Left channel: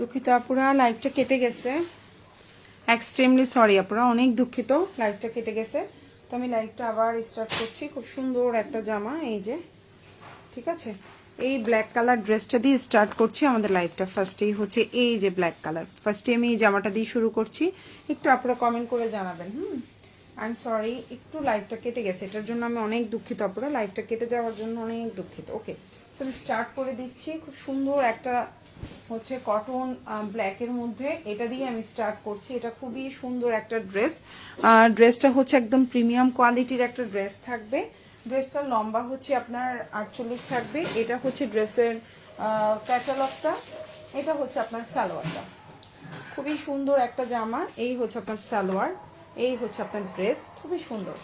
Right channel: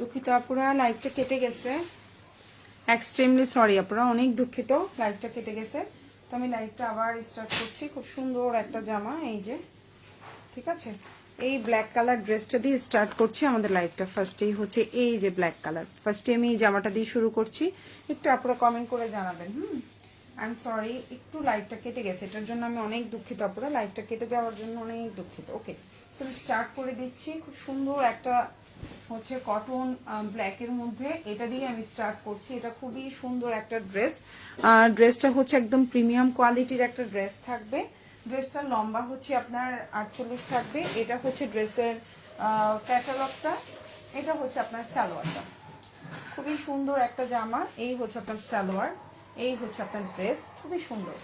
দুঃখিত আপুরা, লাইভটা কেটে গেছে। এক্সট্রিমলি সরি আপুরা, অনেক দুঃখিত, লাইভটা কেটে গেছে। তো আমি লাইভটা আবার স্টার্ট করছি। খুব সুন্দর একটা জামা, এই যে, ঠিক আছে। এই ব্ল্যাক কালার ড্রেসটা দিয়ে স্টার্ট করছি আমাদের লাইভটা। ফার্স্টেই হচ্ছে এই যে ব্ল্যাক কালার, ফার্স্টে আমি এই জামাটা দিয়ে শুরু করছি। একটু আপনারা কমেন্ট করে জানাবেন। আই এম সরি, একটু লাইভটা কেটে গেছে, এটার জন্য আমি অনেক দুঃখিত আপুরা, লাইভটা কেটে যাওয়ার জন্য অনেক দুঃখিত। ওকে, তো আমি স্টার্ট করে দিচ্ছি। খুব সুন্দর একটা হচ্ছে কটন ব্ল্যাকের মধ্যে, এটা দিয়ে আমি স্টার্ট করছি। এটা খুবই সুন্দর একটা ড্রেস। ড্রেসটা হচ্ছে একদম প্রিমিয়াম কোয়ালিটির একটা ড্রেস থাকবে। ড্রেসটার লম্বা হচ্ছে আপনার 48 থাকবে। এটা হচ্ছে ড্রেসের ক্যাটালগটা, এটা হচ্ছে আপনার সালোয়ারটা। খুবই সুন্দর একটা জামা। এই হচ্ছে আপনার সালোয়ার, এই হচ্ছে আপনার ড্রেস, খুবই সুন্দর।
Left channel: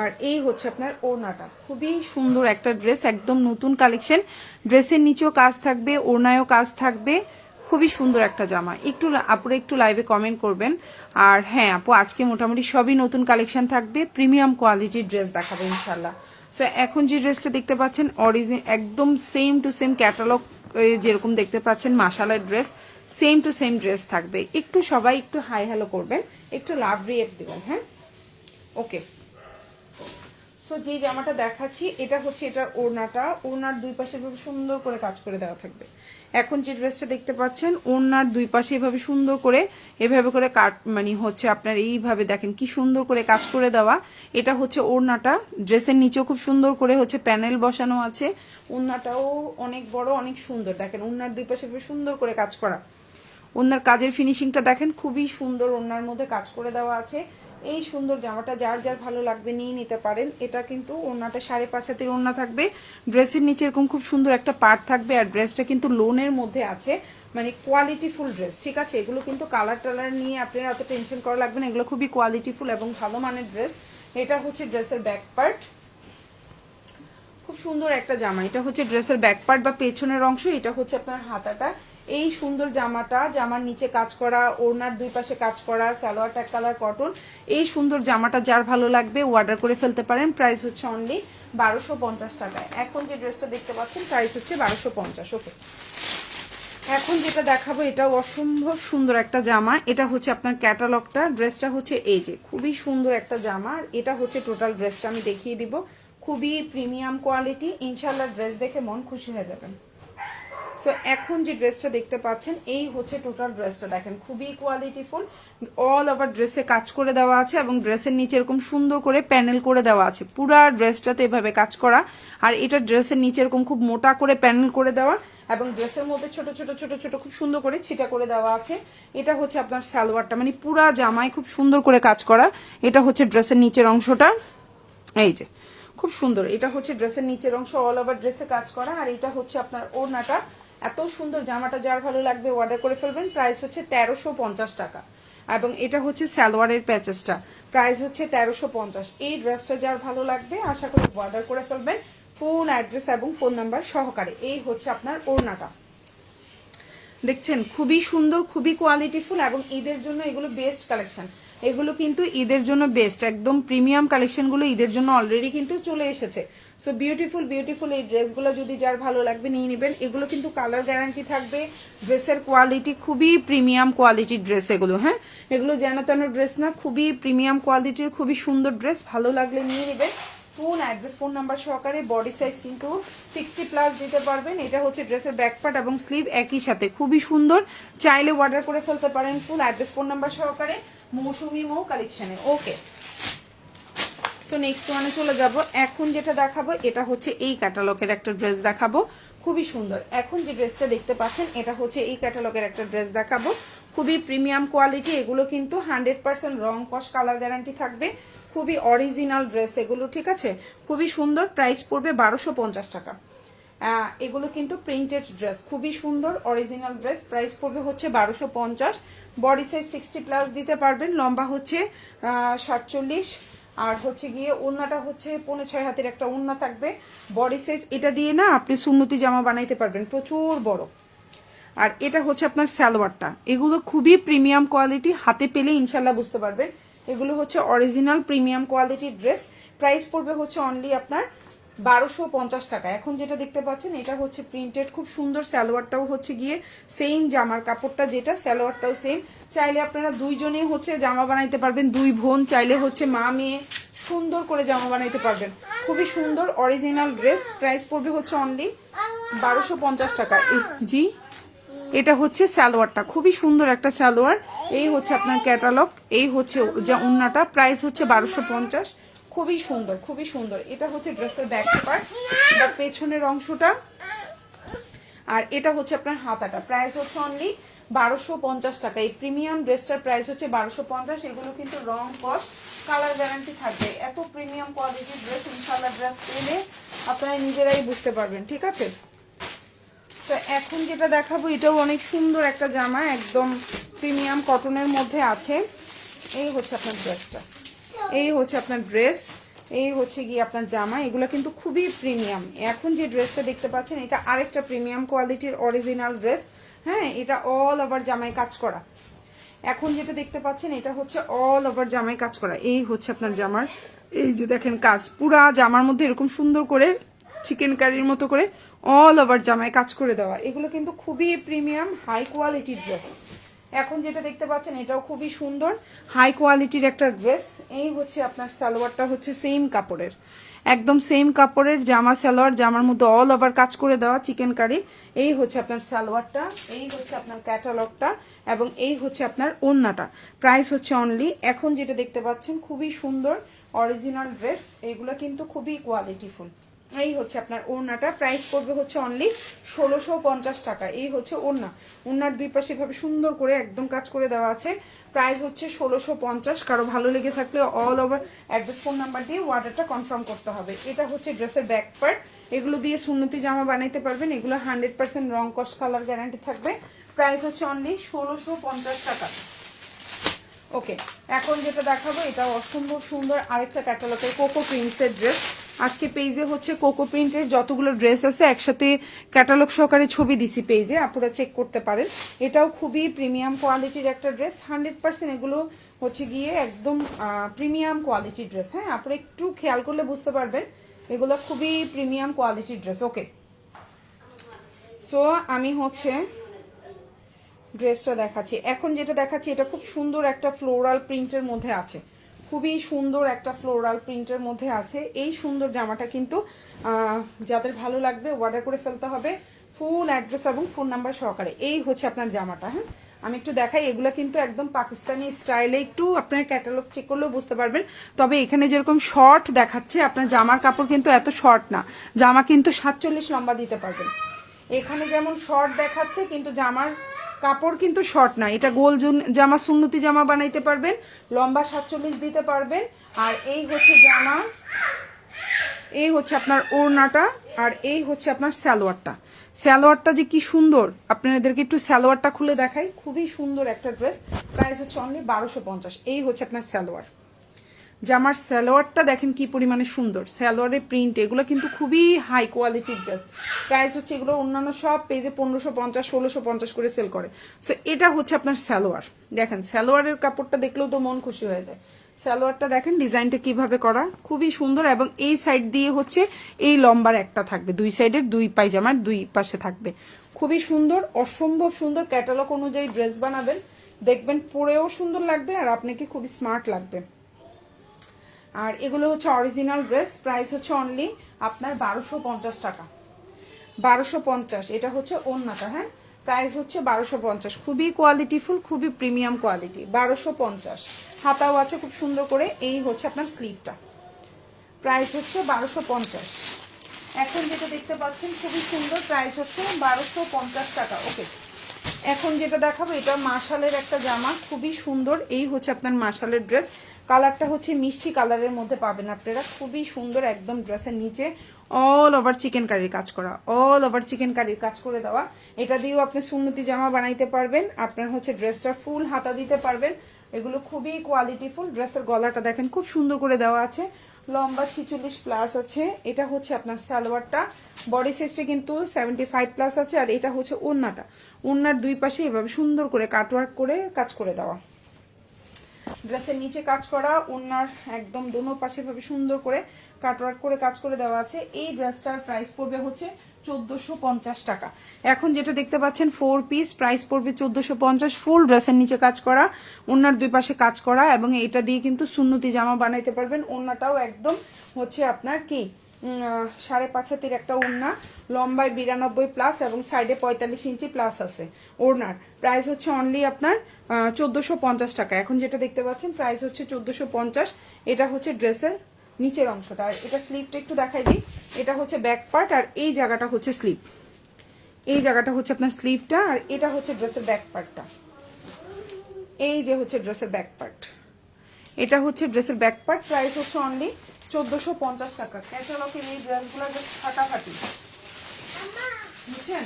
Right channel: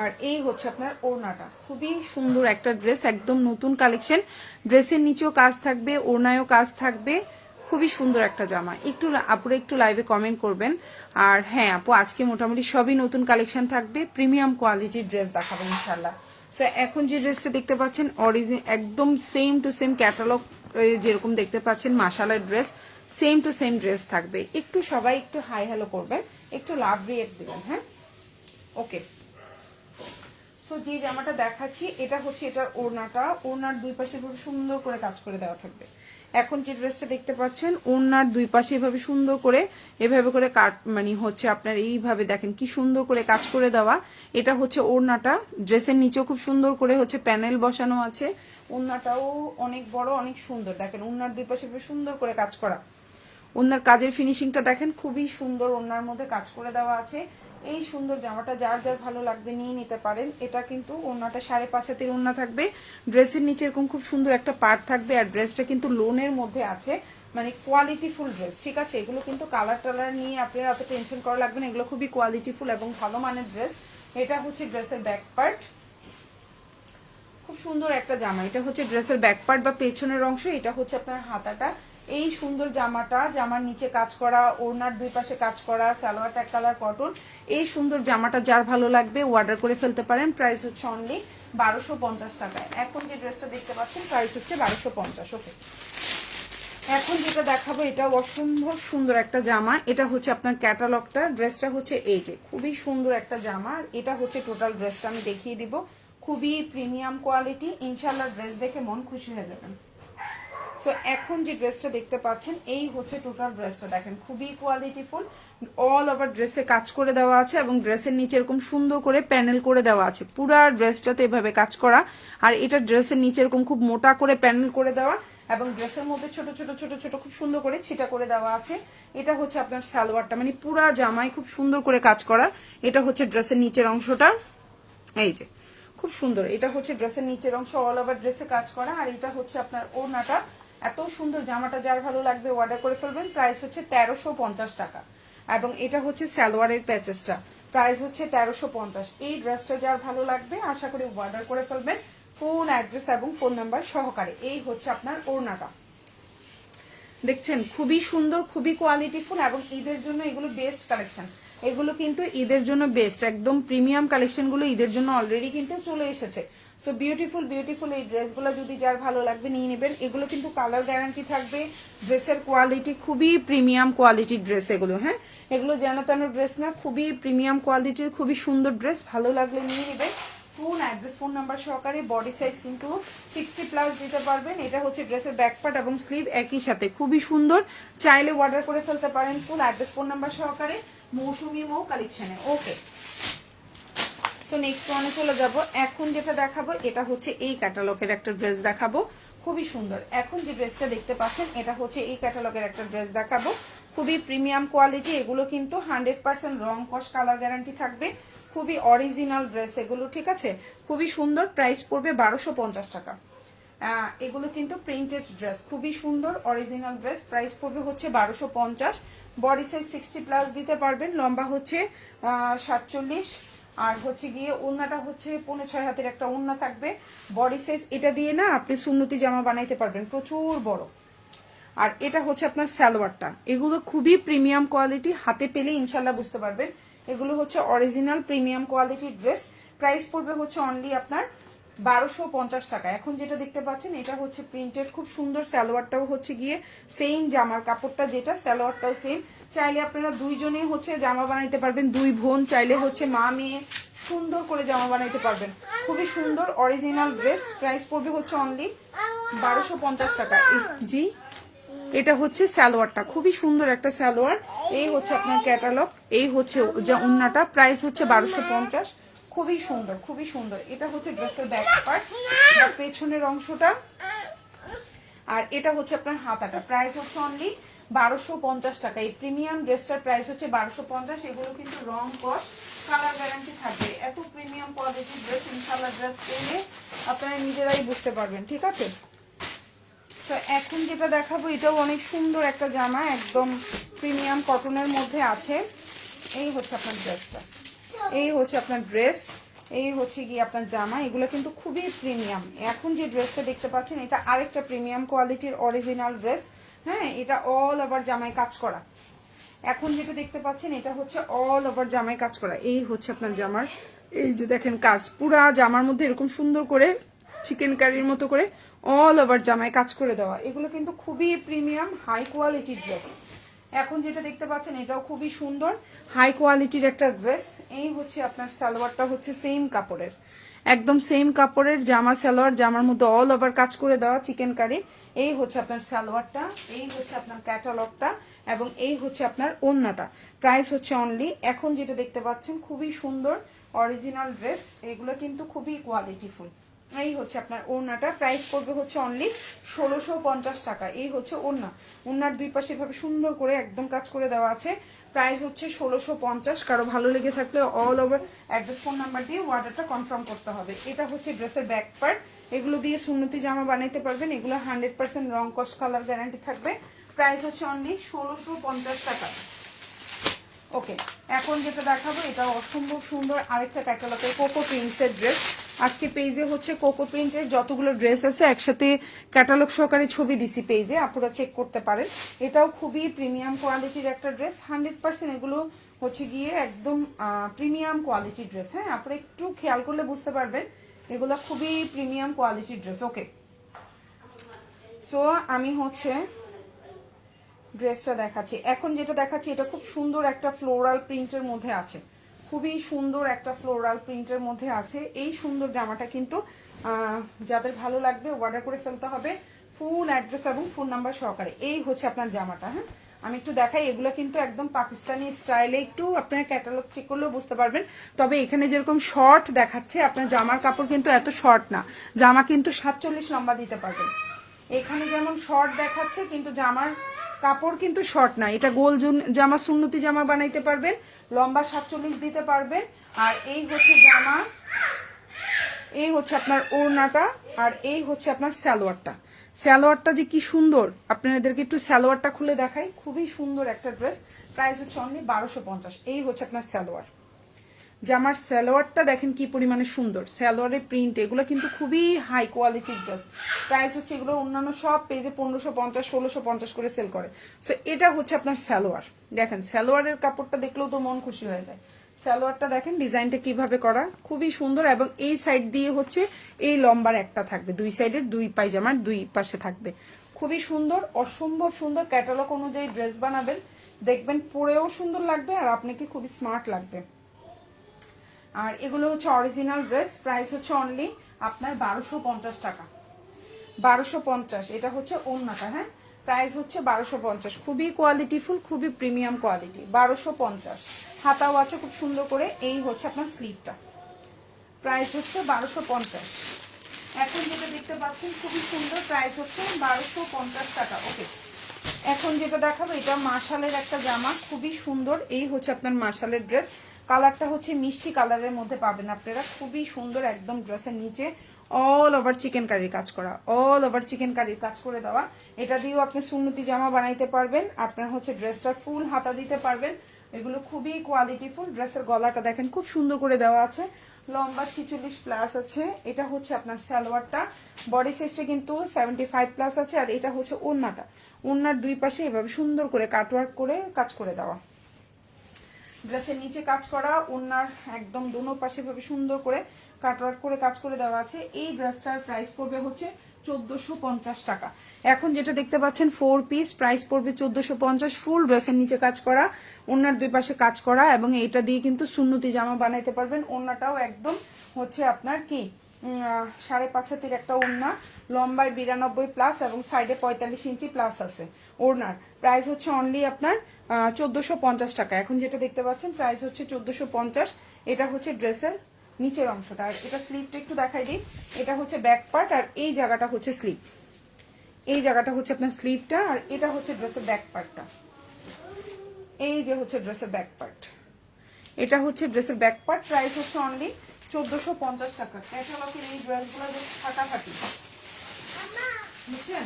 আর এই হচ্ছে আপনার ওড়নাটা, খুবই সুন্দর একটা ড্রেস, একদম নতুন কালেকশন। ড্রেসের নিচেও কাজ থাকবে, ওড়নায়ও কাজ থাকবে, খুবই সুন্দর একটা জামা। একটু আপুরা একটু লাইভে কমেন্ট করবেন। আর হ্যাঁ আপু, আজকে মোটামুটি সবই নতুন কালেকশন থাকবে, প্রিমিয়াম কোয়ালিটির ড্রেস দেখাবো ইনশাল্লাহ। সো এখন যে ড্রেসটা দেখতে পাচ্ছেন অরিজিন একদম সেম টু সেম ক্যাটালগ, যেরকম দেখতে পাচ্ছেন মাশাআল্লাহ dress, same to same dress থাকবে। একটু সবাই একটু হাই হ্যালো করবেন, একটু লাভ রিয়েক্ট দিবেন। হ্যাঁ, ওকে। সো যে জামাটা দেখাচ্ছি এটা হচ্ছে এটার ওড়নাটা। ওড়নার দুই পাশে এভাবে সুন্দর করে কাজ করে দেওয়া থাকবে। এখন যে ড্রেসটা দেখতে পাচ্ছেন ওড়নার দুই পাশে এভাবে সুন্দর করে এভাবে করে কাট মানে হচ্ছে আপনার এইভাবে দেখেন কি সুন্দর করে কাজ করে দেওয়া। এটা হচ্ছে ওড়নাটা। ড্রেসের নিচেও খুব সুন্দর করে হচ্ছে প্যানেল বসানো আছে। ওড়নাটাও অনেক বড়, অনেক সুন্দর। দেখেন ওড়নার দুই পাশে সুন্দর করে কাজ করা। ওড়নার কাজের ফিনিশিংটা দেখেন, খুবই সুন্দর। ওড়নার মধ্যে কাজ করে দেওয়া আছে। এই সুন্দর জামাটা যার যার ভালো লাগবে নিয়ে নিতে পারেন। এটা কিন্তু ওড়নাটা 5.5 হাতের ওড়না থাকবে। ড্রেসের নিচে এরকম খুব সুন্দর একটা পার্ট থাকবে। আর ড্রেসটা কিন্তু লোনের মধ্যে আছে, মানে কোয়ালিটিফুল ড্রেস, ঠিক আছে। এগুলো কিন্তু কালার টালার নিয়ে আপনার অত টেনশন করা লাগবে না, এগুলো খুবই কোয়ালিটিফুল এবং ভালো মানের ড্রেস। এটা হচ্ছে ড্রেসের ব্যাক পার্ট, খুব সুন্দর একটা জামা। এটা হচ্ছে ড্রেসের ব্যাক পার্ট বা পেছনের অংশ। এটা হচ্ছে আপনার হাতাটা। এই সুন্দর জামাটা, জামার নিচে কাজ করা, ওড়নার দুই পাশে কাজ করা, সালোয়ারটা এক কালার কটন। এই সুন্দর জামাটা যার ভালো লাগবে অর্ডার করে ফেলতে পারেন। প্রাইস হচ্ছে অনলি 1250 টাকায়। এখন যে ড্রেসটা দেখতে পাচ্ছেন প্রাইস হচ্ছে 1250। ওকে, এখন যেটা দেখাবো এটাও অসম্ভব সুন্দর একটা জামা। এটা হচ্ছে আপনার ক্যাটালগটা। ড্রেসটা হচ্ছে এই যে, খুবই সুন্দর একটা জামা। এটা হচ্ছে টোটাল ড্রেসটা আমি দেখিয়ে দিব। খুবই প্রিমিয়াম কোয়ালিটি, ইনশাল্লাহ ড্রেস দেখে মন খুশি হয়ে যাবেন। সো এখন যে ড্রেসটা দেখতে পাচ্ছেন এই হচ্ছে টোটাল ড্রেসটা। দেখেন খুবই কোয়ালিটিফুল, অল ওভার ড্রেসে কাজ করে দেওয়া আছে এবং ড্রেসের নিচে এরকম সুন্দর করে প্যানেল করে দেওয়া আছে। পুরা ড্রেসটাতে এভাবে কাজ করা। আর এটা ড্রেসের নিচে এরকম খুব মোটা করে প্যানেল করে দেওয়া এবং ড্রেসের মধ্যে ছোট ছোট ছোট ছোট খুব সুন্দর করে ছিটা করে দেওয়া আছে। এটা হচ্ছে আপনার সালোয়ারটা, মানে পুরা জামায় খুব সুন্দর করে কাজ করা। এটা হচ্ছে ড্রেসের নিচের অংশটা, এই যে খুব সুন্দর। এটা হচ্ছে ড্রেসের নিচের অংশ, অল ওভার ড্রেসে কাজ করা। আর এটা হচ্ছে আপনার ওড়নাটা। এত সুন্দর জামাটা যার ভালো লাগবে অর্ডার করে ফেলবেন। প্রাইস হচ্ছে 1350 টাকা। এবং এটা হচ্ছে সালোয়ারের প্যাচেসটা, প্রাইস হচ্ছে 1350। এই ড্রেসটা যার ভালো লাগবে আশা করি অর্ডার করে ফেলবেন ফুল অ্যাড্রেস এবং ফোন নাম্বার সহকারে। এই হচ্ছে আপনার ওড়নাটা, দেখছেন খুবই সুন্দর, খুবই কোয়ালিটিফুল এবং ঈদের জন্য এগুলো বেস্ট কালেকশন। এগুলো কিন্তু ঈদের জন্য বেস্ট, একদম প্রিমিয়াম কালেকশন গুলো ঈদের জন্য অলরেডি কিন্তু চলে এসেছে। সো বিউটিফুল বিউটিফুল এই ড্রেসগুলো যদি যার ভালো লাগবে নিয়ে নেবেন। এগুলো কিন্তু কালার গ্যারান্টি থাকবে। ড্রেসের কোয়ালিটি খুবই প্রিমিয়াম কোয়ালিটির ড্রেস এগুলো। হ্যাঁ, এগুলো যেন তেন ড্রেস না, খুবই প্রিমিয়াম কোয়ালিটির, খুবই সুন্দর ড্রেস। ভালো লাগলে নিয়ে নেবেন। ফুল অ্যাড্রেস ফোন নাম্বার সহকারে। বডি সাইজ কিন্তু 60+ দিতে পারবেন। এটা হচ্ছে ড্রেসের ব্যাক পার্ট এবং স্লিভ একই সাথে, খুবই সুন্দর। চাইলে অর্ডার করে ফেলতে পারেন ফুল অ্যাড্রেস ফোন নাম্বার সহকারে মৌসুমি মৌ কালেকশনে। ওকে, সো নেক্সট ওয়ানে চলে যাব। এখন যেটা দেখাবো এটা হচ্ছে এই ক্যাটালগের একটা ড্রেস দেখাবো, খুবই সুন্দর। এখন যে ড্রেসটা দেখতে পাচ্ছেন এটা হচ্ছে এই ক্যাটালগের একটা ড্রেস দেখাবো, খুবই প্রিমিয়াম কোয়ালিটি। এগুলো কিন্তু 100% রং কস কালার গ্যারান্টি থাকবে। খুবই অরিজিনাল ড্রেস এগুলো, ঠিক আছে। খুবই সুন্দর, প্রাইস পড়বে 1250 টাকা। এগুলো কিন্তু প্রিন্টেড ড্রেস, খুবই সুন্দর অরিজিনাল ড্রেস। প্রাইস পড়বে হচ্ছে 1250। বডি সাইজ 60+ দিতে পারবেন। লম্বা হচ্ছে 47। আর হচ্ছে গিয়ে ওড়নাটা হচ্ছে 5.5 হাতের একটা ওড়না থাকবে। বডি সাইজ এটা দিয়ে না আপনি সুন্নতি জামা বানাইতে পারবেন, প্রচুর বড়। আর এটা হচ্ছে আপনার সালোয়ারটা। এগুলো খুবই প্রিমিয়াম কোয়ালিটি, হাতে পেলে ইনশাল্লাহ বুঝতে পারবেন। এগুলো হচ্ছে অরিজিনাল প্রিমিয়াম কোয়ালিটির ড্রেস। প্রাইস পড়বে হচ্ছে অনলি আপনার 1250 টাকা। এখন যেটা দেখতে পাচ্ছেন এটা হচ্ছে প্রিন্টেড, খুব সুন্দর। সালোয়ারটাও হচ্ছে গিয়ে সেম, জামার কাপড়টা যেটা সালোয়ারটাও সেম। চাইলে আপনারা দুইজনে হচ্ছে জামা বানাইতে পারবেন, দুই বোন চাইলে হচ্ছে মা মেয়ে সুন্দর করে জামা বানাইতে পারবেন। খুবই সুন্দর অরিজিনাল ড্রেস। প্রাইস পড়বে হচ্ছে অনলি 1250 টাকা। জি, এটা হচ্ছে সালোয়ারটা, খুবই সুন্দর একটা সালোয়ার। এই হচ্ছে আপনার ক্যাটালগ, এই হচ্ছে যা ওন্নাটা। প্রাইস হচ্ছে 1250। খুবই সুন্দর, খুবই সুন্দর। এটা হচ্ছে ড্রেসের ব্যাক পার্ট বা পেছনের অংশটা, আর এটা হচ্ছে আপনার হাতাটা। প্রাইস হচ্ছে অনলি 1250 টাকা। এই প্রিমিয়াম ড্রেসটার প্রাইস হচ্ছে 1250। এগুলো কিন্তু রং কস্ট কালার গ্যারান্টি থাকবে। এত প্রিমিয়াম কোয়ালিটির ড্রেস ইনশাআল্লাহ ড্রেস পেলে আপনারা নিজেরাই বুঝতে পারবেন, ঠিক আছে? তো এখন যেটা দেখাবো এটাও অনেক সুন্দর একটা জামা, একদম প্রিমিয়াম কটনের মধ্যে আছে। এই হচ্ছে আপনার ড্রেসটা, এই হচ্ছে আপনার ড্রেস, এই হচ্ছে গিয়ে আপনার জামা। এগুলো কিন্তু খুবই প্রিমিয়াম। এখন যে ড্রেসটা দেখতে পাচ্ছেন এটা আরেকটা প্রিমিয়াম কোয়ালিটির অরিজিনাল ড্রেস। হ্যাঁ, এটা অল ওভার জামায় কাজ করা। এখন যেটা দেখতে পাচ্ছেন এটা হচ্ছে অল ওভার জামায় কাজ করা। এই হচ্ছে আপনার জামার, এই যে দেখেন কাজ, পুরা জামার মধ্যে এরকম সুন্দর করে চিকেন কারির মতো করে অল ওভার জামায় কাজ করে দেওয়া। এগুলো কিন্তু খুবই প্রিমিয়াম হাই কোয়ালিটির ড্রেস। এখন যেটা দেখতে পাচ্ছেন এটাও খুবই সুন্দর হাই কোয়ালিটির একটা ড্রেস। এই হচ্ছে আপনার সালোয়ারটা হচ্ছে সেম কাপড়ের, একদম সেম কাপড়ের জামা সালোয়ার, জামার মধ্যে অল ওভার কাজ করে দেওয়া চিকেন কারি। এই হচ্ছে আপনার সালোয়ারটা, এই হচ্ছে আপনার ক্যাটালগটা, এবং এই হচ্ছে আপনার ওড়নাটা। প্রাইস হচ্ছে অনলি, এখন যেটা দেখতে পাচ্ছেন খুবই সুন্দর অরিজিনাল ড্রেস। এগুলো কিন্তু খুবই কোয়ালিটিফুল। এই হচ্ছে আপনার ওড়নাটা। প্রাইস পড়বে হচ্ছে অনলি 1650 টাকা। এই হচ্ছে ওড়না, ওড়নার দুই পাশে এভাবে সুন্দর করে একদম কাজ করে দেওয়া আছে। প্রাইস হচ্ছে 1650। কারো ভালো লেগে থাকলে all over address phone number দিয়ে অর্ডারটা কনফার্ম করতে হবে। এটা হচ্ছে ড্রেসের ব্যাক পার্ট। এগুলো দিয়ে সুন্নতি জামা বানাইতে পারবেন। এগুলো 100% রং কস্ট কালার গ্যারান্টি থাকবে। প্রাইস হচ্ছে অনলি 1650 টাকা। ওকে, এখন যেটা দেখাবো এটা অসম্ভব সুন্দর আরেকটা ক্যাটালগের কোকো প্রিন্টসের ড্রেস। আজকে পেজে হচ্ছে কোকো প্রিন্টের যতগুলো ড্রেস আছে একসাথে ক্যাটালগ সহকারে ছবি দিছি পেজে, আপনারা চেক করতে পারেন। এটাও খুবই প্রিমিয়াম কোয়ালিটির একটা ড্রেস। 100% এগুলো হচ্ছে গিয়ে একদম প্রিমিয়াম কোয়ালিটির ড্রেস। হ্যাঁ, আপনারা একটু খেয়াল করলে বুঝতে পারবেন এগুলো খুবই প্রিমিয়াম কোয়ালিটির ড্রেস। ওকে, সো আমি হচ্ছে ড্রেসটা দেখাচ্ছি। এখন যেটা দেখাচ্ছি এটা খুব সুন্দর একটা ফ্লোরাল প্রিন্টের মধ্যে আছে, খুবই সুন্দর একটা ফ্লোরাল প্রিন্টের মধ্যে আছে। এই সুন্দর জামাটা কিন্তু যাদের ভালো লাগবে অর্ডার করে ফেলতে হবে ফুল অ্যাড্রেস এবং ফোন নাম্বার সহকারে। এই হচ্ছে আপনার জামাটা। হ্যাঁ, আমি একটু দেখাই। এগুলো কিন্তু একদম পাকিস্তানি স্টাইলে, একটু আপনার ক্যাটালগ চেক করলেও বুঝতে পারবেন। তবে এখানে যেরকম শর্ট দেখাচ্ছে আপনার জামার কাপড় কিন্তু এত শর্ট না, জামা কিন্তু 47 লম্বা দিতে পারবেন। এখানে যেমন শর্ট দেখাচ্ছে কিন্তু জামার কাপড় কিন্তু শর্ট না। এটা গোল জামা, সুন্নতি জামা বানাইতে পারবেন, লম্বা 47 দিতে পারবেন। আর এই হচ্ছে জামা, এই হচ্ছে আপনার ওড়নাটা, আর এই হচ্ছে আপনার সালোয়ারটা। সালোয়ারটা যে কি সুন্দর, আপনাদেরকে একটু সালোয়ারটা খুলে দেখাই। খুবই সুন্দর একটা ড্রেস। প্রাইস হচ্ছে অনলি 1250। এই হচ্ছে আপনার সালোয়ার। জামার সালোয়ারটা দেখেন কি পরিমাণে সুন্দর, সালোয়ারের প্রিন্ট। এগুলো কিন্তু খুবই হাই কোয়ালিটির ড্রেস। প্রাইস হচ্ছে এগুলো অন্যান্য সব পেজে 1550 1650 করে সেল করে। সো এটা হচ্ছে আপনার সালোয়ার। দেখেন সালোয়ারের কাপড়টা দেখলেও তো মন খুশি হয়ে যায়। সালোয়ারটা দেখেন ডিজাইনটা কিভাবে করা, খুবই সুন্দর। এবং এই সাইড দিয়ে হচ্ছে এই লম্বার একটা থাকবে, দুই সাইডের দুই পায়জামার দুই পাশে থাকবে। খুবই সুন্দর, অসম্ভব সুন্দর। ক্যাটালগ অনুযায়ী ড্রেস বানাবেন, দেখবেন পরেও সুন্দর লাগবে আর আপনাকে খুবই স্মার্ট লাগবে। আর এগুলো হচ্ছে অরিজিনাল ড্রেস। প্রাইস হচ্ছে অনলি আপনার 1250 টাকা। 1250। এটা হচ্ছে ওড়নাটা। হ্যাঁ, প্রাইস হচ্ছে 1250। খুবই কোয়ালিটিফুল, খুবই প্রিমিয়াম কোয়ালিটি। 1250। হাতাও আছে খুব সুন্দর করে। এই হচ্ছে আপনার স্লিভটা। প্রাইস হচ্ছে 1250। এখন যেটা দেখতে পাচ্ছেন খুবই সুন্দর, প্রাইস হচ্ছে 1250 টাকা। ওকে, এখন যেটা দেখাবো এটা মাশালের একটা জামা, খুবই সুন্দর। এই হচ্ছে আপনার মাশালের ড্রেস। কালারটা হচ্ছে মিষ্টি কালারের মধ্যে পাবেন আপনারা, খুবই সুন্দর। একদম ড্রেসের নিচে অল ওভার চিকেন কারির কাজ করা, অল ওভার চিকেন কারির কাজ করে দেওয়া। এটা দিয়েও আপনি সুন্নতি জামা বানাইতে পারবেন। আপনার হচ্ছে ড্রেসটার ফুল হাতা দিতে পারবেন। এগুলো খুবই কোয়ালিটিফুল। ড্রেসের গলাটা দেখেন খুব সুন্দর করে দেওয়া আছে, লম্বা 46 প্লাস আছে। এটা হচ্ছে আপনার সালোয়ারটা, বডি সাইজটা কিন্তু 75 প্লাস আছে। আর এটা হচ্ছে ওড়নাটা, ওড়নার দুই পাশে এভাবে সুন্দর করে কাটওয়ার্ক করে কাজ করে দেওয়া। ড্রেসের নিচে কাজ করা, ওড়নার একদম দোনো পাশে ভাবে সুন্দর করে কাটওয়ার্ক করে কাজ করে দেওয়া আছে। এই ড্রেসটার প্রাইস পড়বে হচ্ছে 1450 টাকা। এখন যেটা দেখতে পাচ্ছেন 4 পিস, প্রাইস পড়বে 1450। ফুল ড্রেসের নিচে কাজ করা, ওনার দুই পাশে কাজ করা, এবং এটা দিয়ে কিন্তু সুন্নতি জামা বানাইতে পারবেন। ওন্নাটাও একদম হচ্ছে আপনার কি 5.5 হাতের একটা ওড়না, লম্বায় 92 প্লাস এবং সাইডে 45 ইঞ্চি প্লাস আছে। ওড়নার প্রাইস হচ্ছে অনলি আপনার 1450 টাকা। এখন যেটা দেখতে পাচ্ছেন প্রাইস হচ্ছে 1450। এটা হচ্ছে ড্রেসের নিচের অংশটা, আর এটা স্লিভটা একটু দেখাই দিই। এটা হচ্ছে ব্যাক পার্ট, আর এই জায়গাটা হচ্ছে স্লিভ। এই জায়গাটা হচ্ছে আপনার স্লিভটা, আর এটা হচ্ছে ড্রেসের ব্যাক পার্টটা। এই যে হচ্ছে ড্রেসের ব্যাক পার্ট, এটা হচ্ছে ড্রেসের ব্যাক পার্ট। প্রাইস হচ্ছে অনলি 1450 টাকা। ক্যাটালগের এই ড্রেসগুলো যে ফাটাফাটি, বুঝছেন,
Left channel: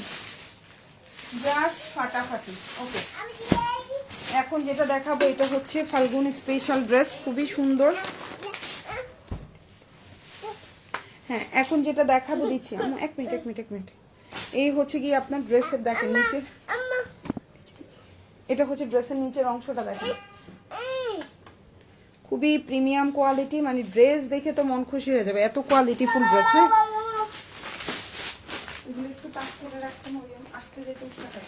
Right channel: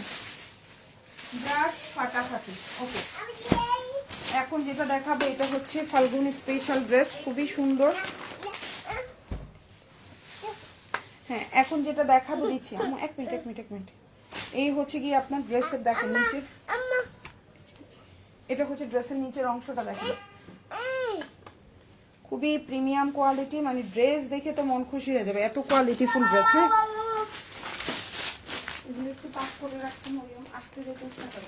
জাস্ট ফাটাফাটি। ওকে, এখন যেটা দেখাবো এটা হচ্ছে ফাল্গুনি স্পেশাল ড্রেস, খুবই সুন্দর। হ্যাঁ, এখন যেটা দেখাবো দিচ্ছি, এক মিনিট। এই হচ্ছে কি আপনার ড্রেসের দেখেন নিচে, এটা হচ্ছে ড্রেসের নিচের অংশটা দেখেন, খুবই প্রিমিয়াম কোয়ালিটি, মানে ড্রেস দেখে তো মন খুশি হয়ে যাবে, এত কোয়ালিটিফুল ড্রেস। হ্যাঁ, এগুলো একটু পাক করে রাখতে হবে, আসতে যেতে উষ্ণতা।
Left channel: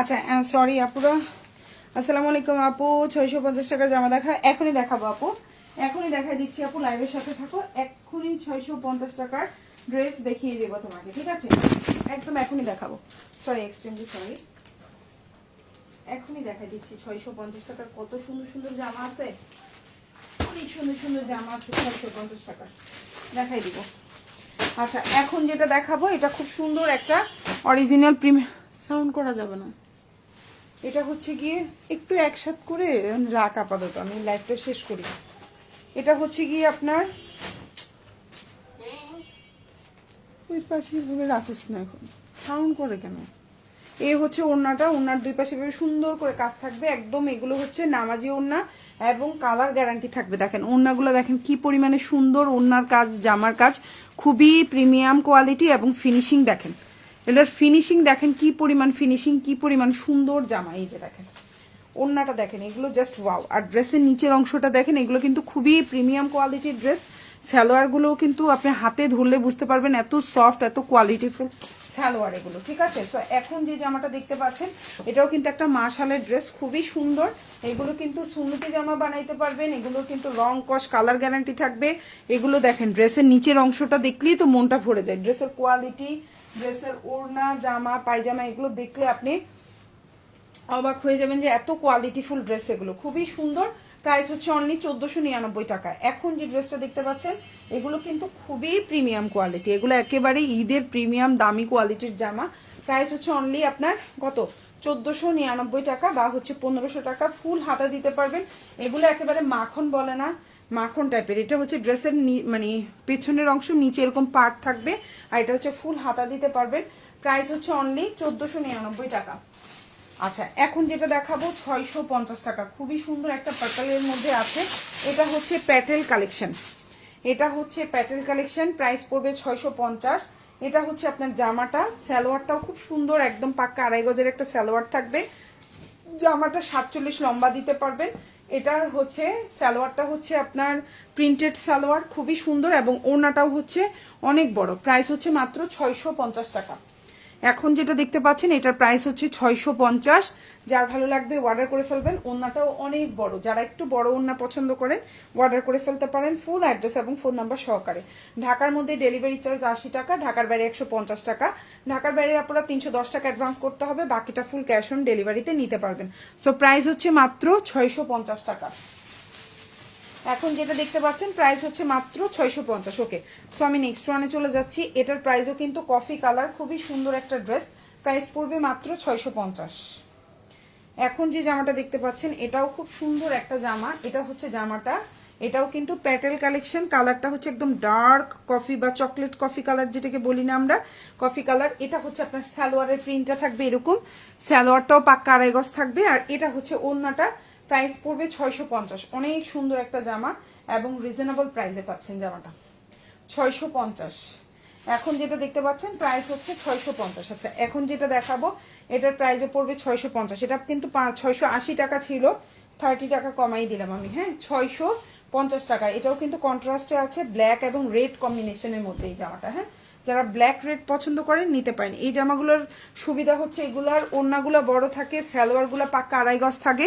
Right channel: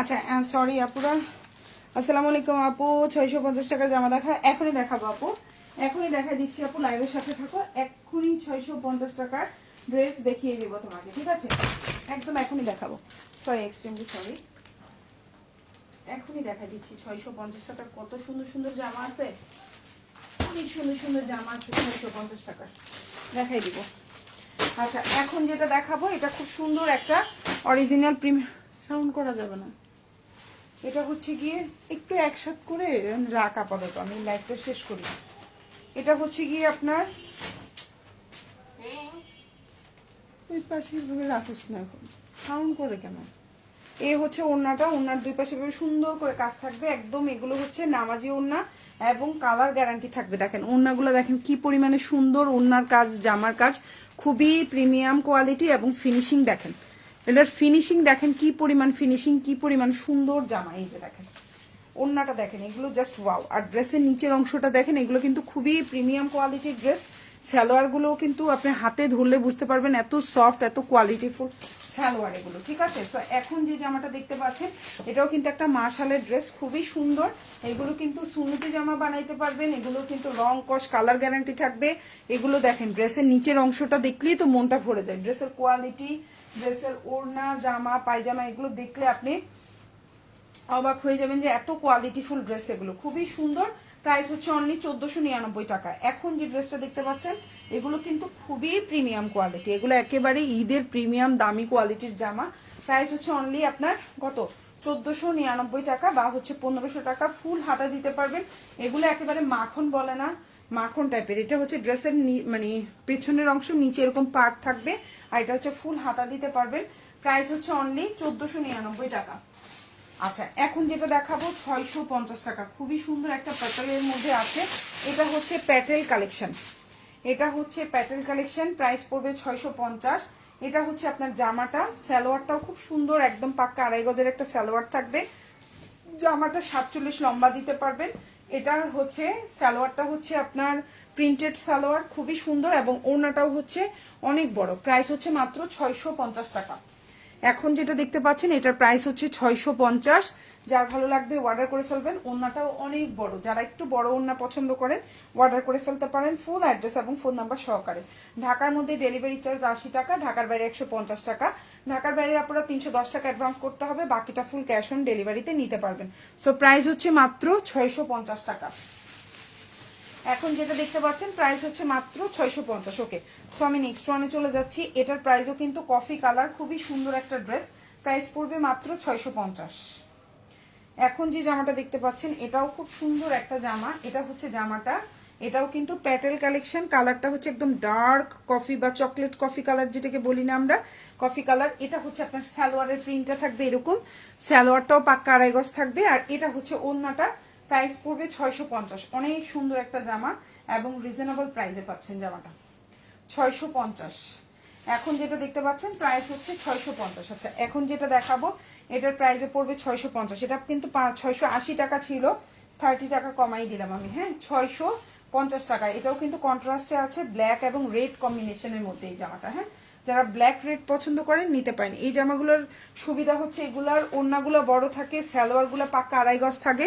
আচ্ছা, সরি আপুরা, আসসালামু আলাইকুম আপু। 650 টাকার জামা দেখা, এখনই দেখাবো আপু, এখনই দেখা দিচ্ছি আপু, লাইভের সাথে থাকো। এক্ষুনি 650 টাকার ড্রেস দেখিয়ে দেবো তোমাকে, ঠিক আছে? একদম এখনই দেখাবো, সরি, এক্সট্রিমলি সরি। এখনই দেখা দিচ্ছি 650 টাকার কত সুন্দর সুন্দর জামা আছে, অনেক সুন্দর সুন্দর জামা আছে 650 টাকার, দেখাই দিব। আচ্ছা, এখন যেটা দেখাবো এটা খুব সুন্দর একটা অরিজিনাল প্রিমিয়াম, সাউন্ড করা যাবে না, এটা হচ্ছে গিয়ে একটু একসাথে করে রাখ আপাতত, আমি লাইভটা শেষ করি। এটা হচ্ছে গিয়ে আপনার ওই পাশে ভাবে রাখিস না, এখন সাউন্ড করে কেন। এই হচ্ছে ওড়নাটা, ওড়নার দুই পাশে সুন্দর করে কাজ থাকবে একদম। এগুলো হচ্ছে নামাজি ওড়না এবং কালার গ্যারান্টি থাকবে। দেখেন ওড়নাগুলো দেখেন কি পরিমাণে সুন্দর, ওড়নার কাজ, জামার কাজ খুবই প্রিমিয়াম কোয়ালিটি, এবং ফিনিশিং দেখেন, এটার ফিনিশিং দেখেন কি পরিমাণ ফিনিশিং, কি পরিমাণ সুন্দর জামা। এই যে দেখেন ওড়নাটা দেখেন, এগুলো জাস্ট ওয়াও। আর ড্রেসের নিচের অংশটা দেখেন, এগুলো কিন্তু খুবই প্রিমিয়াম কোয়ালিটির ড্রেস। সালোয়ারগুলো কিন্তু আপনি হাতে ধরলে বুঝতে পারবেন এত সফট, এত কোয়ালিটিফুল সালোয়ার এগুলো, ঠিক আছে? সো এখন যে জামাটা দেখতে পাচ্ছেন এটাও কিন্তু একটা মাশালের ড্রেস, খুবই সুন্দর। এগুলো কিন্তু সুন্নতি জামা বানাইতে পারবেন, এগুলো কিন্তু রং কস কালার গ্যারান্টি থাকবে। এগুলো দেখেন ড্রেসের নিচের অংশটা দেখলেই তো মনটা ভরে যায়। ড্রেসের কোয়ালিটি, ড্রেসের ওড়না, জামা, পায়জামা, এগুলো দেখলে আপনি অবাক হয়ে যাবেন যে এত কোয়ালিটিফুল ড্রেস এগুলো, খুবই সুন্দর। প্রাইস হচ্ছে অনলি 1499 টাকা। এখন যে ড্রেসটা দেখতে পাচ্ছেন এগুলো কিন্তু খুবই প্রিমিয়াম কোয়ালিটি, এগুলো একেবারে ঈদের প্রিমিয়াম দামি কোয়ালিটির জামা। প্রাইস হচ্ছে অনলি আপনার কত, 1499 টাকা বা হচ্ছে 1500 টাকা। ফুল হাতা দিতে পারবেন, এগুলো একেবারে মাখন বলে না, মাখন টাইপের। এটা হচ্ছে ড্রেসের মানে পেছনের অংশ, নিচে এরকম পার্ট থাকবে, আর এটা হচ্ছে ফুল হাতা দিতে পারবেন। প্রাইস হচ্ছে অনলি 1499 টাকা। আচ্ছা, এখন যেটা দেখাবো 650 টাকা, খুবই সুন্দর একটা প্যাটেলের মধ্যে আছে। এটা হচ্ছে প্যাটেল কালেকশন, এটা হচ্ছে প্যাটেল কালেকশন, প্রাইস পড়বে 650। এটা হচ্ছে আপনার জামাটা, সালোয়ারটাও খুব সুন্দর, একদম পাক্কা 2.5 গজের একটা সালোয়ার থাকবে। জামাটা 47 লম্বা দিতে পারবেন। এটার হচ্ছে সালোয়ারটা হচ্ছে আপনার প্রিন্টেড সালোয়ার, খুবই সুন্দর, এবং ওড়নাটাও হচ্ছে অনেক বড়। প্রাইস হচ্ছে মাত্র 650 টাকা। এখন যেটা দেখতে পাচ্ছেন এটার প্রাইস হচ্ছে 650। যার ভালো লাগবে অর্ডার করে ফেলবেন। ওড়নাটাও অনেক বড়, যারা একটু বড় ওড়না পছন্দ করেন অর্ডার করে ফেলতে পারেন, ফুল অ্যাড্রেস এবং ফোন নাম্বার সহকারে। ঢাকার মধ্যে ডেলিভারি চার্জ 80 টাকা, ঢাকার বাইরে 150 টাকা। ঢাকার বাইরে আপনারা 310 টাকা অ্যাডভান্স করতে হবে, বাকিটা ফুল ক্যাশ অন ডেলিভারিতে নিতে পারবেন। সো প্রাইস হচ্ছে মাত্র 650 টাকা। এখন যেটা দেখতে পাচ্ছেন প্রাইস হচ্ছে মাত্র 650। ওকে, সো আমি নেক্সট ওয়ানে চলে যাচ্ছি। এটার প্রাইসও কিন্তু কফি কালার, খুবই সুন্দর একটা ড্রেস, প্রাইস পড়বে মাত্র 650। এখন যে জামাটা দেখতে পাচ্ছেন এটাও খুব সুন্দর একটা জামা। এটা হচ্ছে জামাটা, এটাও কিন্তু প্যাটেল কালেকশন, কালারটা হচ্ছে একদম ডার্ক কফি বা চকলেট কফি কালার, যেটাকে বলি না আমরা কফি কালার। এটা হচ্ছে আপনার সালোয়ারের প্রিন্টটা থাকবে এরকম, সালোয়ারটাও পাক্কা 2.5 গজ থাকবে, আর এটা হচ্ছে ওড়নাটা। প্রাইস পড়বে 650। অনেক সুন্দর একটা জামা এবং রিজনেবল প্রাইসে পাচ্ছেন জামাটা, 650। এখন যেটা দেখতে পাচ্ছেন প্রাইস হচ্ছে 650। আচ্ছা, এখন যেটা দেখাবো এটার প্রাইসও পড়বে 650। এটা কিন্তু 680 টাকা ছিল, 30 টাকা কমাই দিলাম আমি, হ্যাঁ, 650 টাকা। এটাও কিন্তু কন্ট্রাস্টে আছে, ব্ল্যাক এবং রেড কম্বিনেশনের মধ্যে এই জামাটা। হ্যাঁ, যারা ব্ল্যাক রেড পছন্দ করেন নিতে পারেন। এই জামাগুলোর সুবিধা হচ্ছে এগুলার ওড়নাগুলো বড় থাকে, সালোয়ারগুলো পাক্কা 2.5 গজ থাকে,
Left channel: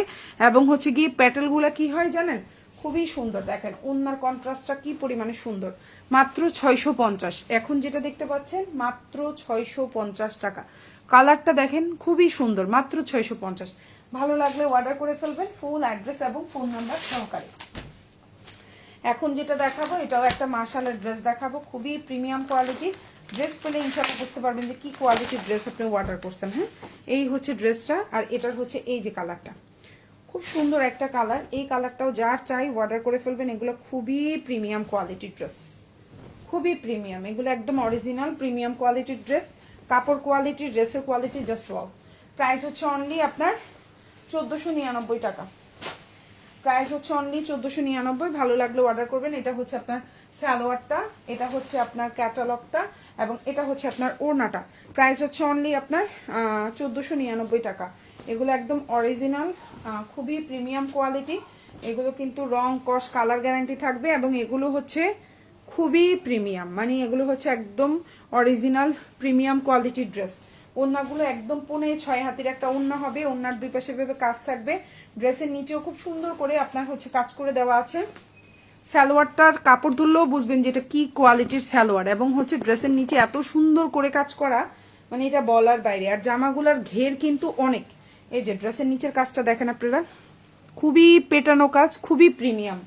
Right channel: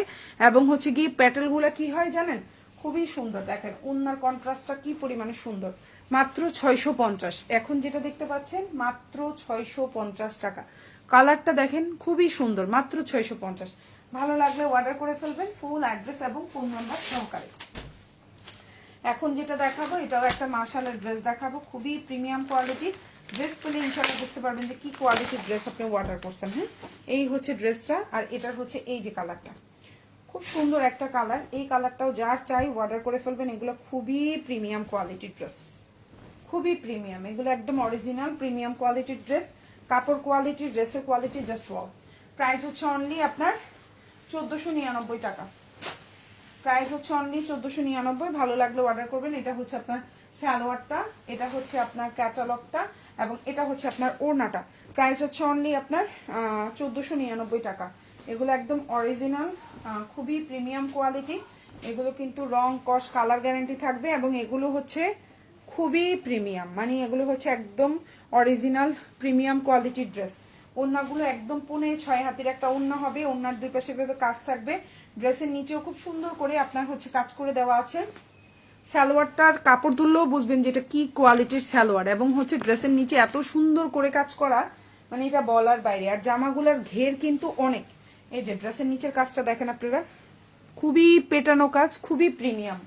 এবং হচ্ছে গিয়ে প্যাটেলগুলো কি হয় জানেন, খুবই সুন্দর। দেখেন ওড়নার কন্ট্রাস্টটা কি পরিমাণে সুন্দর, মাত্র 650। এখন যেটা দেখতে পাচ্ছেন মাত্র 650 টাকা। কালারটা দেখেন খুবই সুন্দর, মাত্র 650। ভালো লাগলে অর্ডার করে ফেলবেন, ফুল অ্যাড্রেস এবং ফোন নাম্বার সহকারে। এখন যেটা দেখাবো এটাও একটা মাশাআল্লাহ ড্রেস দেখাবো, খুবই প্রিমিয়াম কোয়ালিটি। ড্রেস পেলে ইনশাআল্লাহ বুঝতে পারবেন যে কি কোয়ালিটির ড্রেস আপনি অর্ডার করছেন। হ্যাঁ, এই হচ্ছে ড্রেসটা, আর এটার হচ্ছে এই যে কালারটা, খুব সুন্দর একটা কালার। এই কালারটাও যার চাই অর্ডার করে ফেলবেন। এগুলো খুবই প্রিমিয়াম কোয়ালিটির ড্রেস, খুবই প্রিমিয়াম, এগুলো একদম অরিজিনাল প্রিমিয়াম কোয়ালিটির ড্রেস। কাপড় কোয়ালিটি, ড্রেসের কোয়ালিটি জাস্ট ওয়াও। প্রাইস হচ্ছে অনলি আপনার 1499 টাকা। প্রাইস হচ্ছে অনলি 1499। ভালো লাগলে অর্ডার করবেন। এটা হচ্ছে আপনার সালোয়ারটা, এটা হচ্ছে আপনার ক্যাটালগটা, এবং এটা হচ্ছে আপনার ওড়নাটা। প্রাইস হচ্ছে অনলি আপনার 1499 টাকা। এগুলো একদম অরিজিনাল, খুবই প্রিমিয়াম কোয়ালিটি। এগুলো কিন্তু রং কস কালার গ্যারান্টি থাকবে, এবং এগুলো হচ্ছে খুবই প্রিমিয়াম, মানে এগুলো হচ্ছে একদম অরিজিনাল প্রিমিয়াম কোয়ালিটির ড্রেস। ওড়নাগুলো একদম 5.5 হাতের একটা ওড়না হবে, ওড়নার দুই পাশে ভাবে কাজ থাকবে। ড্রেসের নিচেও খুব সুন্দর করে আপনার হচ্ছে কাজ করে দেওয়া আছে। সালোয়ারটার কাপড় তুললেও বুঝবেন যে এটা কি কোয়ালিটির সালোয়ার, এবং হচ্ছে ড্রেসের নিচে এত সুন্দর করে কাজ করা, মানে এটা বলার বাইরে। আর জামাগুলার ঘের কিন্তু অনেক, এই যে ড্রেসের নিচের কাজটা দেখেন আপনারা, খুবই পেটানো কাজ, খুবই প্রিমিয়াম।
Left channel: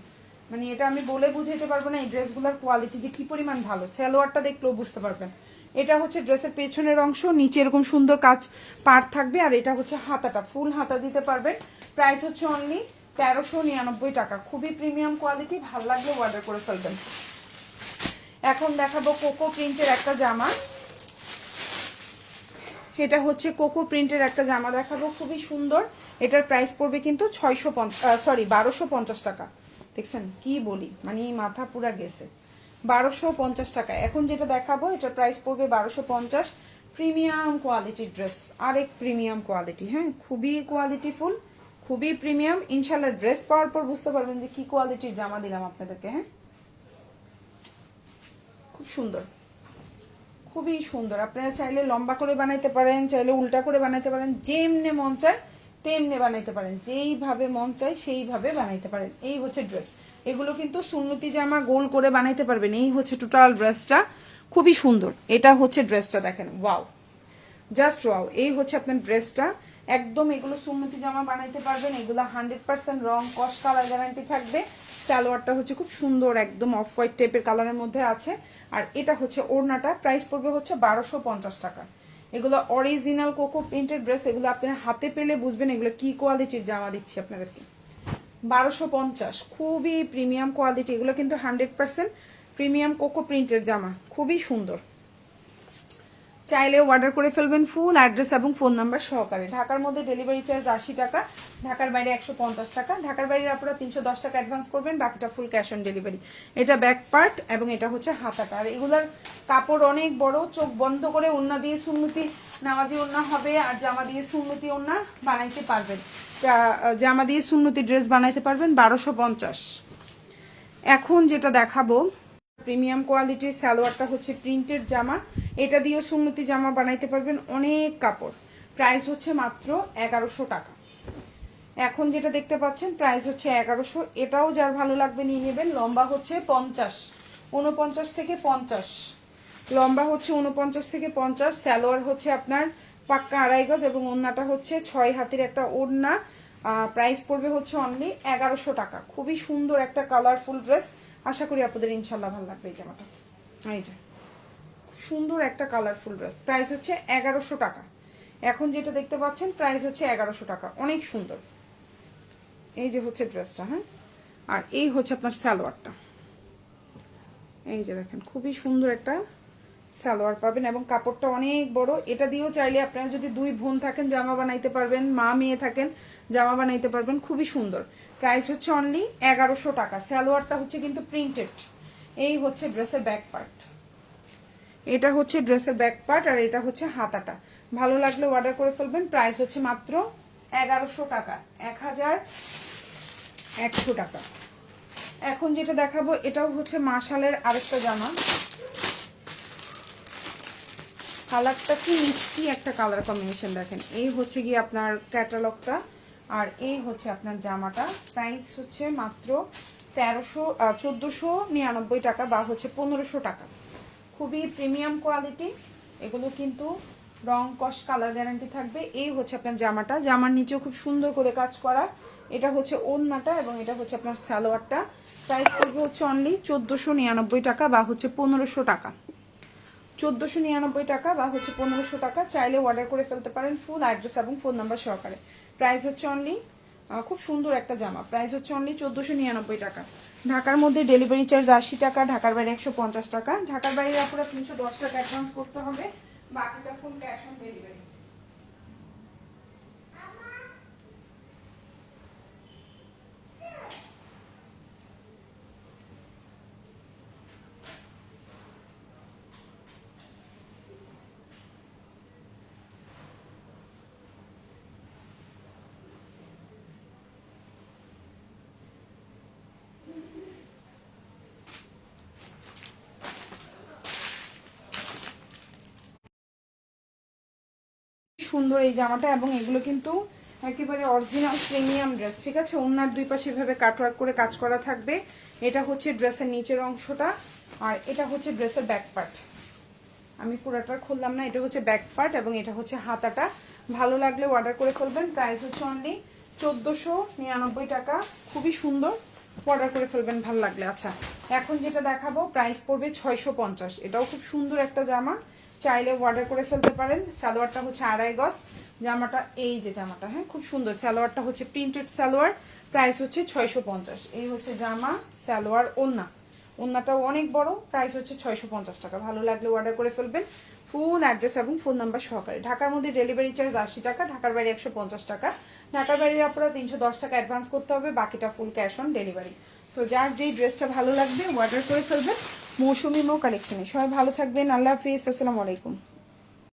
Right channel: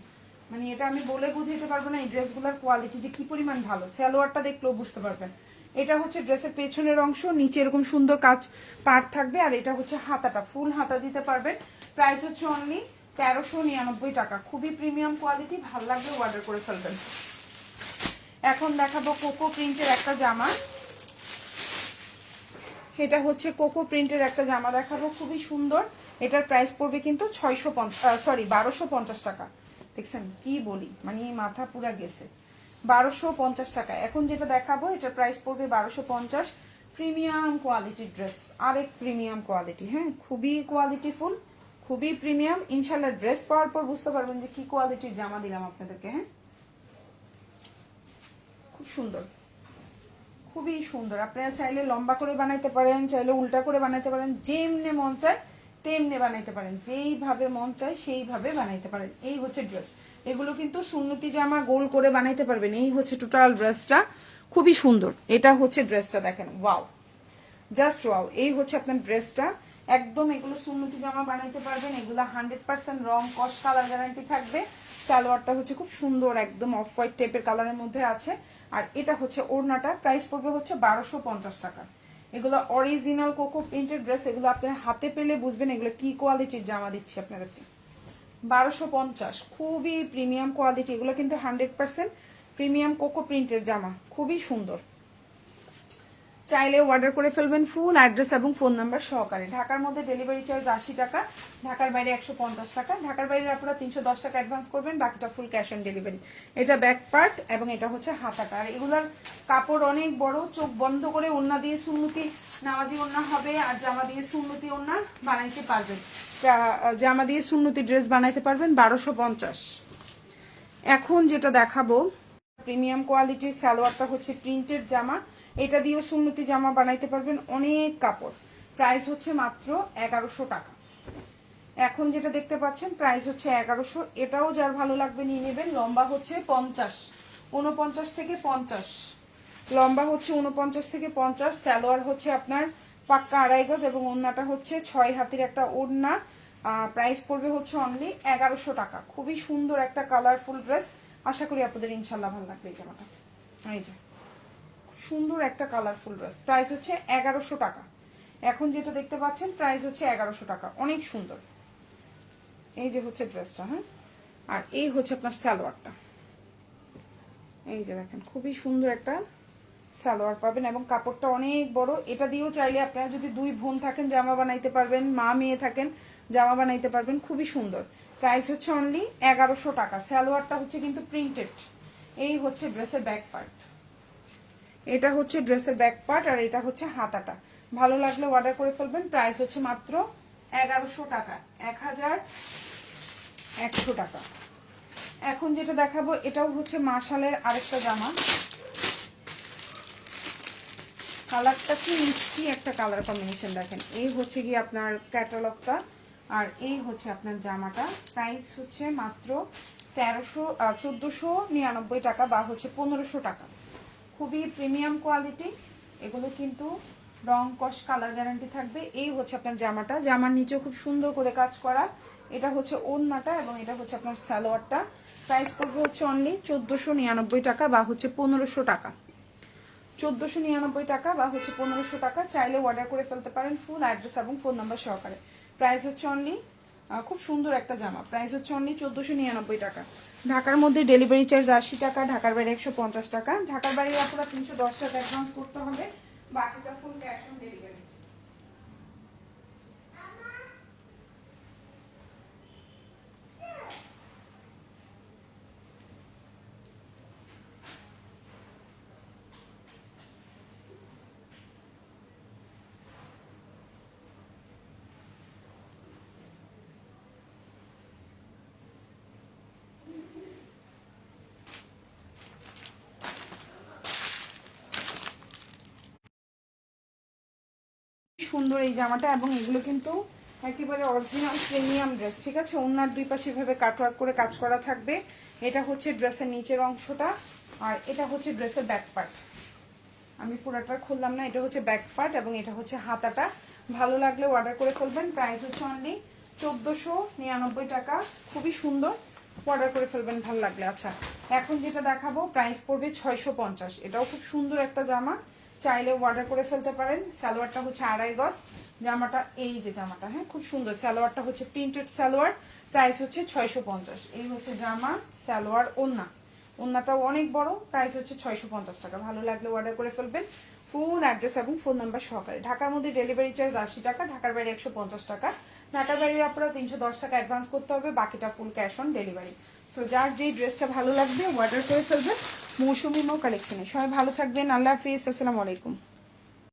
মানে এটা আমি বলে বুঝাতে পারবো না এই ড্রেসগুলোর কোয়ালিটি যে কি পরিমাণ ভালো। সালোয়ারটা দেখলেও বুঝতে পারবেন। এটা হচ্ছে ড্রেসের পেছনের অংশ, নিচে এরকম সুন্দর কাজ পার্ট থাকবে, আর এটা হচ্ছে হাতাটা, ফুল হাতা দিতে পারবেন। প্রাইস হচ্ছে অনলি 1399 টাকা। খুবই প্রিমিয়াম কোয়ালিটি, ভালো লাগলে অর্ডার করে ফেলবেন। এখন দেখাবো কোকো প্রিন্টের একটা জামা। এটা হচ্ছে কোকো প্রিন্টের একটা জামা দেখাবো, খুবই সুন্দর। এটার প্রাইস পড়বে কিন্তু 1250 টাকা। দেখছেন কি বলি, মানে মাথা পুরা গেছে, 1250 টাকা। এখন যেটা দেখাবো এটার প্রাইস পড়বে 1250। প্রিমিয়াম কোয়ালিটির ড্রেস, আরেক প্রিমিয়াম কোয়ালিটি। হ্যাঁ, খুবই কোয়ালিটিফুল, খুবই প্রিমিয়াম। ইনশাল্লাহ ড্রেস পাওয়ার পর বুঝতে পারবেন যে কি কোয়ালিটির জামা দিলাম আপনাদেরকে। হ্যাঁ, খুব সুন্দর, খুবই সুন্দর। আপনারা চাইলে লম্বা করে বানাইতে পারেন, চাইলে উল্টা করে বানাইতে পারেন, যেমনে মন চায় তেমনে বানাইতে পারেন, যেইভাবে মন চায় সেইভাবে বানাইতে পারেন। এই হচ্ছে ড্রেস। এগুলো কিন্তু সুন্নতি জামা গোল করে বানাইতে পারবেন। এই হচ্ছে টোটাল ড্রেসটা, খুবই সুন্দর। এটা হচ্ছে ড্রেসটা, দেখেন ওয়াও, জাস্ট ওয়াও। এই হচ্ছে আপনার ড্রেসটা, একদম এগুলো সুন্নতি জামা বানাইতে পারবেন। এগুলো 100% রং কস কালার গ্যারান্টি থাকবে। সালোয়ারটা হচ্ছে খুব সুন্দর, একদম অফ হোয়াইট টাইপের কালারের মধ্যে আছে। আর এটা হচ্ছে ওড়নাটা, প্রাইস পড়বে হচ্ছে 1250 টাকা। এগুলো অরিজিনাল কোকো প্রিন্টেড ড্রেস, এগুলো আপনার হাতে পেলে বুঝবেন এগুলো কি কোয়ালিটির জামা দিচ্ছি আপনাদেরকে। 1250, খুবই প্রিমিয়াম কোয়ালিটি। এগুলো কিন্তু 100% প্রিমিয়াম কোকো প্রিন্টের জামা, খুবই সুন্দর। চাইলে অর্ডার করে ফেলবেন ফুল অ্যাড্রেস এবং ফোন নাম্বার সহকারে। ঢাকার মধ্যে ডেলিভারি চার্জ 80 টাকা, ঢাকার বাইরে 150 টাকা। ঢাকার বাইরে আপনারা 310 টাকা অ্যাডভান্স করবেন, বাকিটা ফুল ক্যাশ অন ডেলিভারি। এটা ব্যাক পার্ট এবং এটা হচ্ছে হাতাটা। আর এগুলার কাপড় অনেক বড়, চোখ বন্ধ করে ওন্না দিয়ে সুন্নতি নামাজি ওন্না হবে, আর জামা দিয়ে সুন্নতি ওন্না বানাইতে পারবেন। জামা দিয়ে সুন্নতি ড্রেস বানাইতে পারবেন 1250। এখন যেটা দেখাবো প্রিমিয়াম কোয়ালিটির সালোয়ারটা হচ্ছে প্রিন্টেড জামা, এটা দিয়েও সুন্নতি জামা বানাইতে পারবেন, অনেক কাপড়। প্রাইস হচ্ছে মাত্র 1100 টাকা। এখন যেটা দেখতে পাচ্ছেন প্রাইস হচ্ছে 1100, এটাও যার ভালো লাগবে নিয়ে নেবেন। লম্বা হচ্ছে 49 থেকে 50, লম্বা হচ্ছে 49 থেকে 50। সালোয়ার হচ্ছে আপনার পাক্কা 2.5 গজ এবং ওড়নাটা হচ্ছে 6 হাতের একটা ওড়না। প্রাইস পড়বে হচ্ছে অনলি 1100 টাকা। খুবই সুন্দর একটা কালারফুল ড্রেস, আশা করি আপনাদের ইনশাল্লাহ ভালো লাগবে এই জামাটা। এই যে সুন্দর একটা কালারফুল ড্রেস, প্রাইস হচ্ছে 1100 টাকা। এখন যেটা দেখতে পাচ্ছেন প্রাইস হচ্ছে 1100 টাকা, অনেক সুন্দর। এই যে হচ্ছে ড্রেসটা, হ্যাঁ, আর এই হচ্ছে আপনার সালোয়ারটা। এই যে দেখেন খুবই সুন্দর একটা সালোয়ার পাবেন এবং কাপড়টা অনেক বড়। এটা দিয়েও চাইলে আপনারা যদি 2 বোন থাকেন জামা বানাইতে পারবেন, মা মেয়ে থাকেন জামা বানাইতে পারবেন, খুবই সুন্দর। প্রাইস হচ্ছে অনলি 1100 টাকা। সালোয়ারটা হচ্ছে কিন্তু প্রিন্টেড। এই হচ্ছে ড্রেসের ব্যাক পার্ট, এটা হচ্ছে ড্রেসের ব্যাক পার্ট, আর এটা হচ্ছে হাতাটা। ভালো লাগলে অর্ডার করে ফেলবেন। প্রাইস হচ্ছে মাত্র 1100 টাকা, 1100 টাকা। এখন যেটা দেখাবো এটাও হচ্ছে মাশালের আরেকটা জামা, কালারটা কি মিষ্টি একটা কালার কম্বিনেশন দেখেন। এই হচ্ছে গিয়ে আপনার ক্যাটালগটা, আর এই হচ্ছে আপনার জামাটা। প্রাইস হচ্ছে মাত্র 1499 টাকা বা হচ্ছে 1500 টাকা। খুবই প্রিমিয়াম কোয়ালিটি, এগুলো কিন্তু রং কস কালার গ্যারান্টি থাকবে। এই হচ্ছে আপনার জামাটা, জামার নিচেও খুব সুন্দর করে কাজ করা। এটা হচ্ছে ওড়নাটা এবং এটা হচ্ছে আপনার সালোয়ারটা। প্রাইস পড়বে হচ্ছে অনলি 1499 টাকা বা হচ্ছে 1500 টাকা। 1499 টাকা বা হচ্ছে 1500 টাকা। চাইলে অর্ডার করে ফেলতে পারেন ফুল অ্যাড্রেস এবং ফোন নাম্বার সহকারে। প্রাইস হচ্ছে অনলি, খুব সুন্দর একটা জামা, প্রাইস হচ্ছে অনলি 1499 টাকা। ঢাকার মধ্যে ডেলিভারি চার্জ 80 টাকা, ঢাকার বাইরে 150 টাকা। ঢাকার বাইরে আপনারা 310 টাকা অ্যাডভান্স করতে হবে, বাকিটা ফুল ক্যাশ অন ডেলিভারি। সুন্দর এই জামাটা, এবং এগুলো কিন্তু একেবারে অরিজিনাল প্রিমিয়াম ড্রেস, ঠিক আছে। ওনার দুই পাশে এভাবে কাটওয়ার্ক করে কাজ করা থাকবে। এটা হচ্ছে ড্রেসের নিচের অংশটা, আর এটা হচ্ছে ড্রেসের ব্যাক পার্ট। আমি পুরোটা খুললাম না, এটা হচ্ছে ব্যাক পার্ট এবং এটা হচ্ছে হাতাটা। ভালো লাগলে অর্ডার করে ফেলবেন। প্রাইস হচ্ছে অনলি 1499 টাকা, খুবই সুন্দর, অর্ডার করে ফেলবেন ভালো লাগলে। আচ্ছা, এখন যেটা দেখাবো প্রাইস পড়বে 650। এটাও খুব সুন্দর একটা জামা, চাইলে অর্ডার করে ফেলতে পারেন। সালোয়ারটা হচ্ছে 2.5 গজ, জামাটা এই যে জামাটা, হ্যাঁ, খুব সুন্দর। সালোয়ারটা হচ্ছে প্রিন্টেড সালোয়ার, প্রাইস হচ্ছে 650। এই হচ্ছে জামা, সালোয়ার, ওড়না, ওড়নাটাও অনেক বড়, প্রাইস হচ্ছে 650 টাকা। ভালো লাগলে অর্ডার করে ফেলবেন ফুল অ্যাড্রেস এবং ফোন নাম্বার সহকারে। ঢাকার মধ্যে ডেলিভারি চার্জ 80 টাকা, ঢাকার বাইরে 150 টাকা। ঢাকার বাইরে আপনারা 310 টাকা অ্যাডভান্স করতে হবে, বাকিটা full cash on delivery. So যার যেই ড্রেসটা ভালো লাগবে অর্ডার করে ফেলবেন মৌসুমী মো কালেকশনে। সবাই ভালো থাকবেন, আল্লাহ হাফিজ, আসসালামু আলাইকুম।